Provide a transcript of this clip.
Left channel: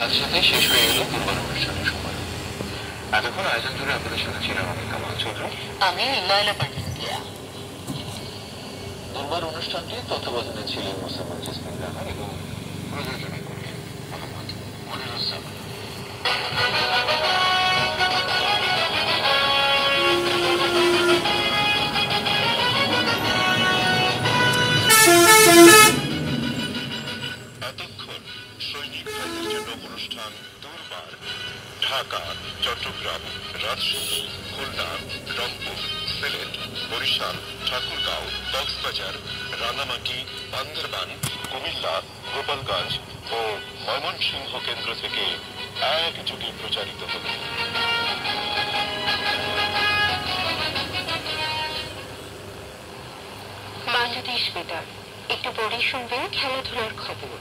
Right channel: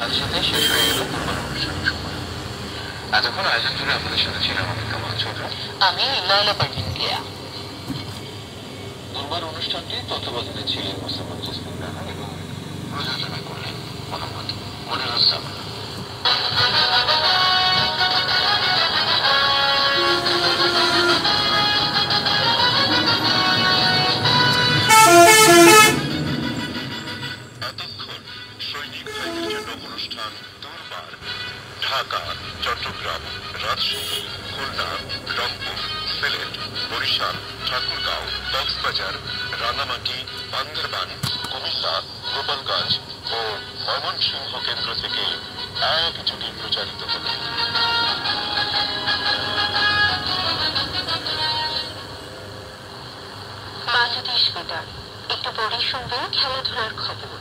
সাথে সাথে শেষ হয়ে এলো দুর্বার অনুষ্ঠানের সময়। এতক্ষণ আয়োজন জুড়ে আপনাদের সাথে ছিলাম আমি কামাল চৌধুরী, আমি লায়লা পারভিন প্রিয়া। দুর্বার অনুষ্ঠানটি তত্ত্বাবধানে ছিলেন মোসাম্মদ জসমিন রানা এবং প্রযোজনা করলেন মোহাম্মদ মনিরুজ্জামান। এতক্ষণ সৈনিক ভাইদের জন্য অনুষ্ঠান দুর্বার ঢাকা, চট্টগ্রাম, রাজশাহী, খুলনা, রংপুর, সিলেট, বরিশাল, ঠাকুরগাঁও, কক্সবাজার, রাঙামাটি, বান্দরবান, কুমিল্লা, গোপালগঞ্জ ও ময়মনসিংহ কেন্দ্র থেকে একযোগে প্রচারিত হল। বাংলাদেশ বেতার, একটু পরেই শুনবেন খেলাধুলার খবর।